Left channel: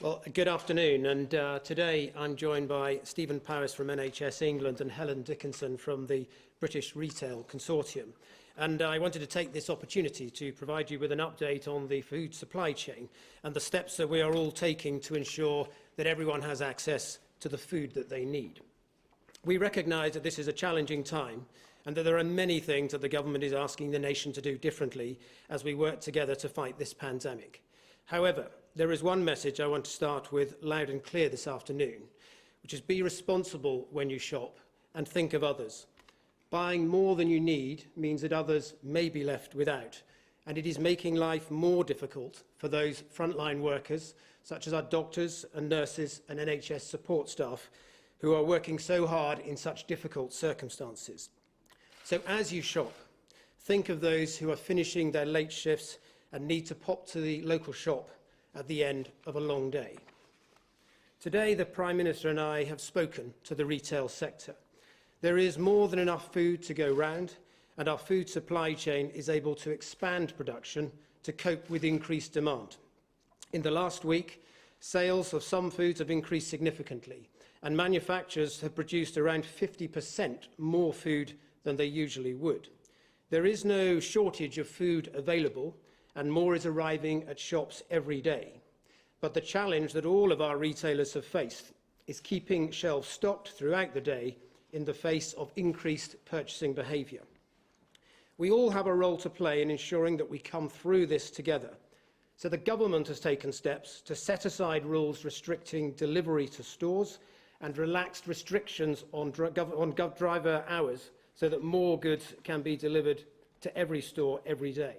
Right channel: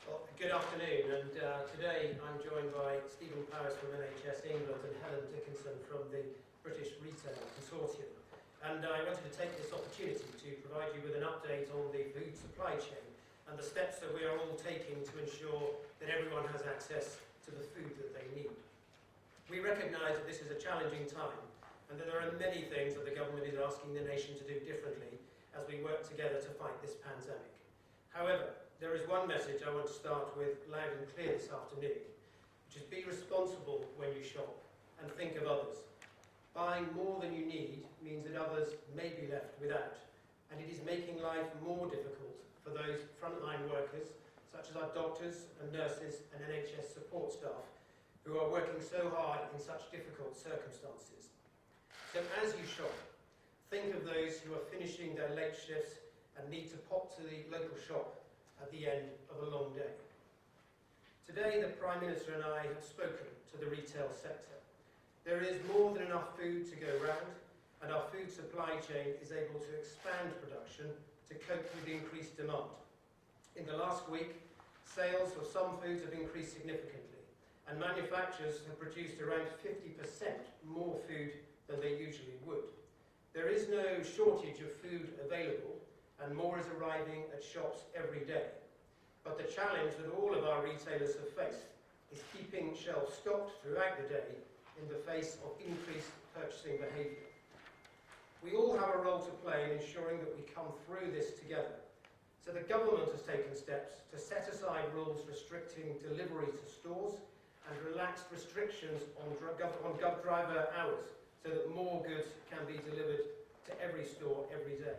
Well, good afternoon, and today I'm joined by Stephen Powis from NHS England and Helen Dickinson from the British Retail Consortium. And I wanted to take this opportunity to provide you with an update on the food supply chain and the steps that we are all taking to ensure that everyone has access to the food that they need. We recognise that this is a challenging time and that there are many things that the government is asking the nation to do differently as we work together to fight this pandemic. However, there is one message I want to start with loud and clear this afternoon, which is be responsible when you shop and think of others. Buying more than you need means that others may be left without, and it is making life more difficult for those frontline workers, such as our doctors and nurses and NHS support staff, who are working so hard in such difficult circumstances. So as you shop, think of those who are finishing their late shifts and need to pop to the local shop at the end of a long day. Today, the Prime Minister and I have spoken to the retail sector. There is more than enough food to go round, and our food supply chain is able to expand production to cope with increased demand. In the last week, sales of some foods have increased significantly, and manufacturers have produced around 50% more food than they usually would. There is no shortage of food available, and more is arriving at shops every day. But the challenge that all of our retailers have faced is keeping shelves stocked throughout the day in the face of increased purchasing behaviour. We all have a role to play in ensuring that we come through this together. So the government has taken steps to set aside rules restricting delivery to stores and relaxed restrictions on driver hours so that more goods can be delivered to every store every day.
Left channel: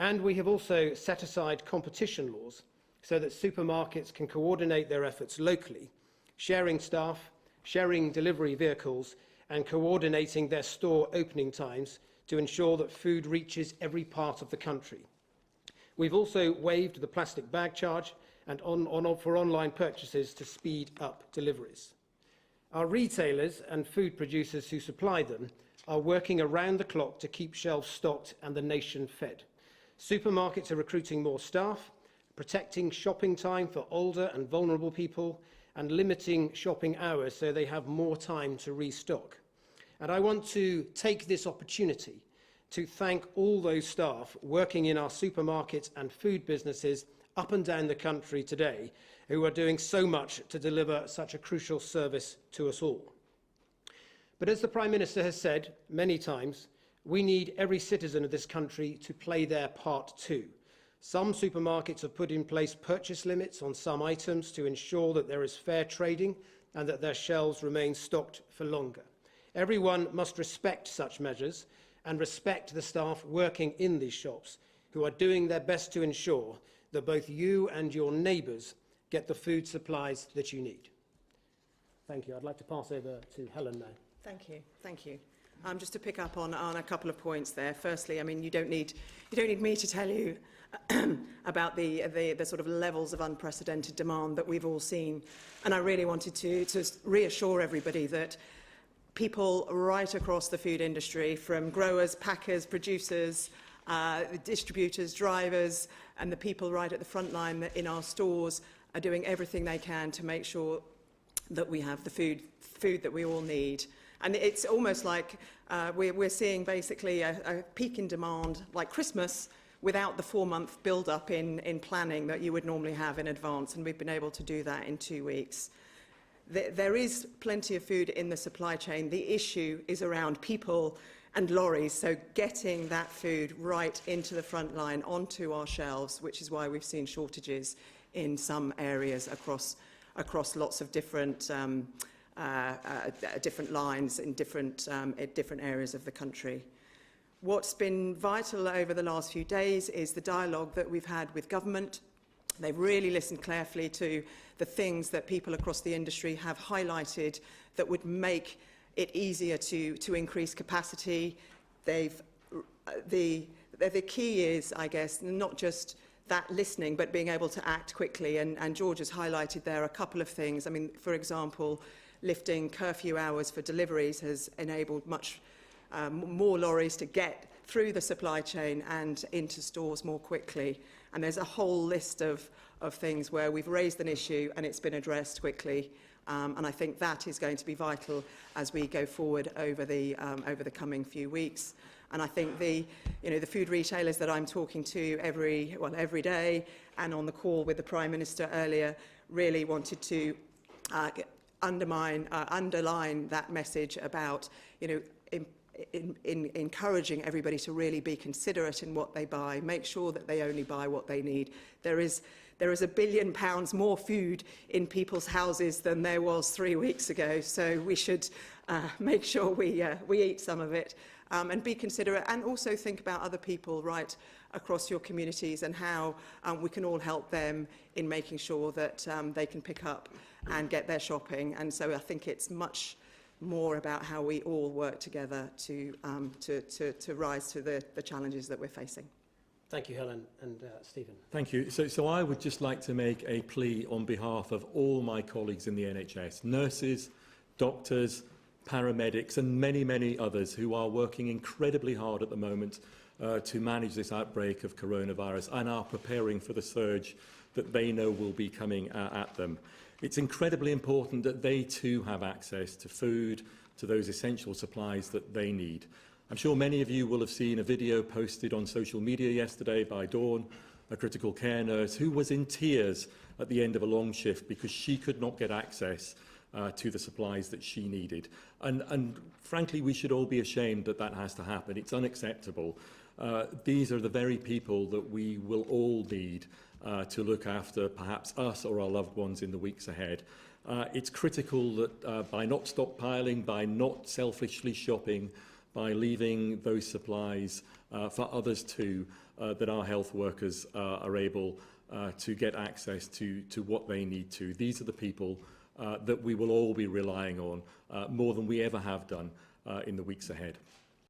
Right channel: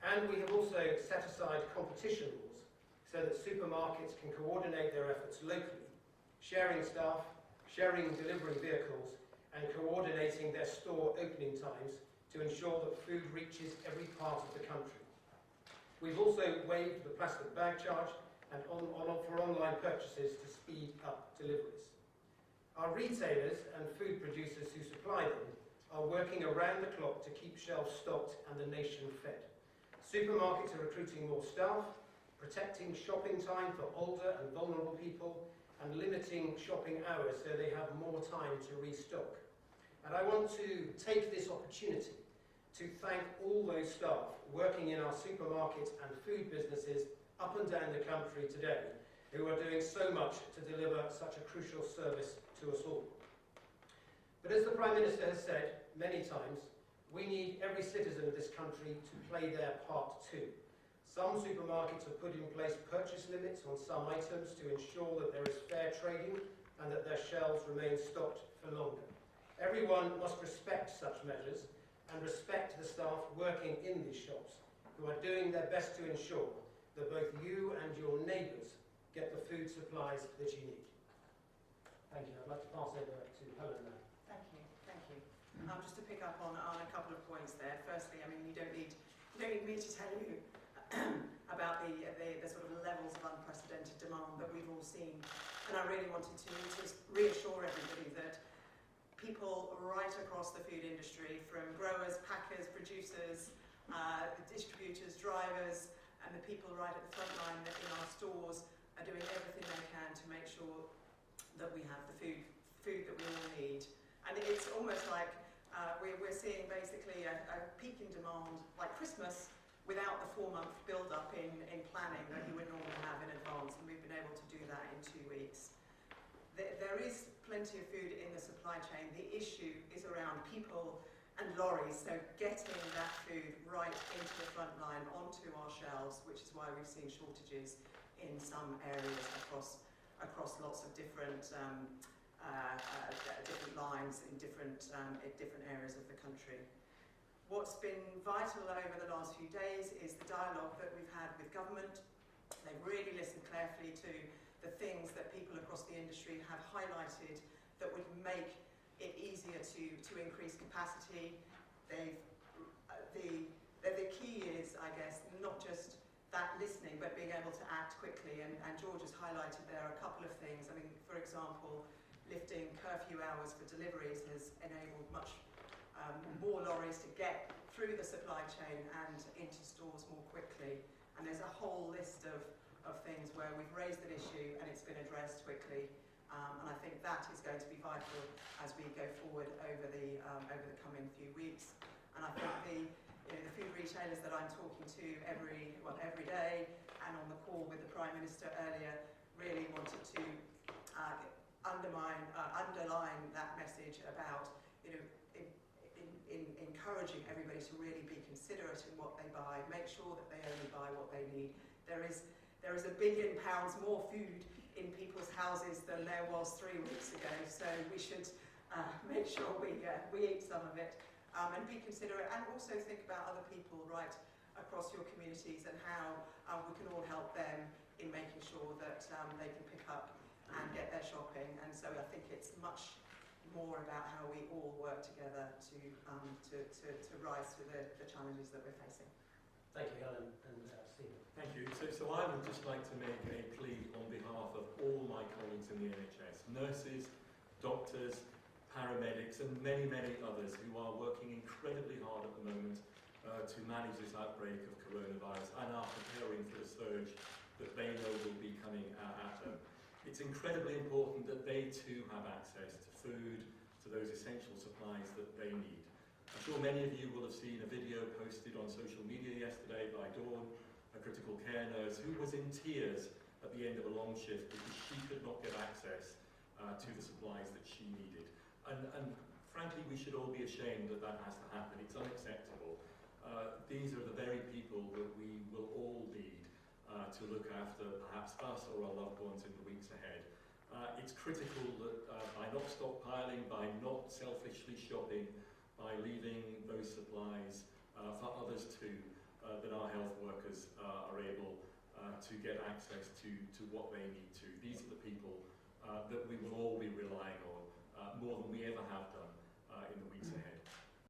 And we have also set aside competition laws so that supermarkets can coordinate their efforts locally, sharing staff, sharing delivery vehicles, and coordinating their store opening times to ensure that food reaches every part of the country. We've also waived the plastic bag charge and for online purchases to speed up deliveries. Our retailers and food producers who supply them are working around the clock to keep shelves stocked and the nation fed. Supermarkets are recruiting more staff, protecting shopping time for older and vulnerable people, and limiting shopping hours so they have more time to restock. And I want to take this opportunity to thank all those staff working in our supermarkets and food businesses up and down the country today who are doing so much to deliver such a crucial service to us all. But as the Prime Minister has said many times, we need every citizen of this country to play their part too. Some supermarkets have put in place purchase limits on some items to ensure that there is fair trading and that their shelves remain stocked for longer. Everyone must respect such measures and respect the staff working in these shops who are doing their best to ensure that both you and your neighbours get the food supplies that you need. Thank you. I'd like to pass over to Helen now. Thank you. Thank you. Just to pick up on a couple of points there. Firstly, I mean, you don't need me to tell you about the sort of levels of unprecedented demand that we've all seen. And I really wanted to reassure everybody that people right across the food industry, from growers, packers, producers, distributors, drivers, and the people right at the front line in our stores are doing everything they can to make sure that we have the food that we all need. And it's almost like we're seeing basically a peak in demand like Christmas without the 4-month build-up in planning that you would normally have in advance, and we've been able to do that in 2 weeks. There is plenty of food in the supply chain. The issue is around people and lorries, so getting that food right into the front line, onto our shelves, which is why we've seen shortages in some areas across lots of different different lines in different areas of the country. What's been vital over the last few days is the dialogue that we've had with government. They've really listened carefully to the things that people across the industry have highlighted that would make it easier to increase capacity. The key is, I guess, not just that listening, but being able to act quickly. And George has highlighted there a couple of things. I mean, for example, lifting curfew hours for deliveries has enabled much more lorries to get through the supply chain and into stores more quickly. And there's a whole list of of things where we've raised an issue and it's been addressed quickly. And I think that is going to be vital as we go forward over the coming few weeks. And I think the food retailers that I'm talking to every day and on the call with the Prime Minister earlier really wanted to underline that message about, encouraging everybody to really be considerate in what they buy, make sure that they only buy what they need. There is £1 billion more food in people's houses than there was 3 weeks ago, so we should make sure we eat some of it and be considerate, and also think about other people right across your communities and how we can all help them in making sure that they can pick up and get their shopping. And so I think it's much more about how we all work together to rise to the challenges that we're facing. Thank you, Helen, and Stephen. Thank you. So I would just like to make a plea on behalf of all my colleagues in the NHS, nurses, doctors, paramedics and many, many others who are working incredibly hard at the moment to manage this outbreak of coronavirus and are preparing for the surge that they know will be coming at them. It's incredibly important that they too have access to food, to those essential supplies that they need. I'm sure many of you will have seen a video posted on social media yesterday by Dawn, a critical care nurse, who was in tears at the end of a long shift because she could not get access to the supplies that she needed. And frankly, we should all be ashamed that that has to happen. It's unacceptable. These are the very people that we will all need to look after perhaps us or our loved ones in the weeks ahead. It's critical that by not stockpiling, by not selfishly shopping, by leaving those supplies for others too, that our health workers are able to get access to what they need to. These are the people that we will all be relying on more than we ever have done in the weeks ahead.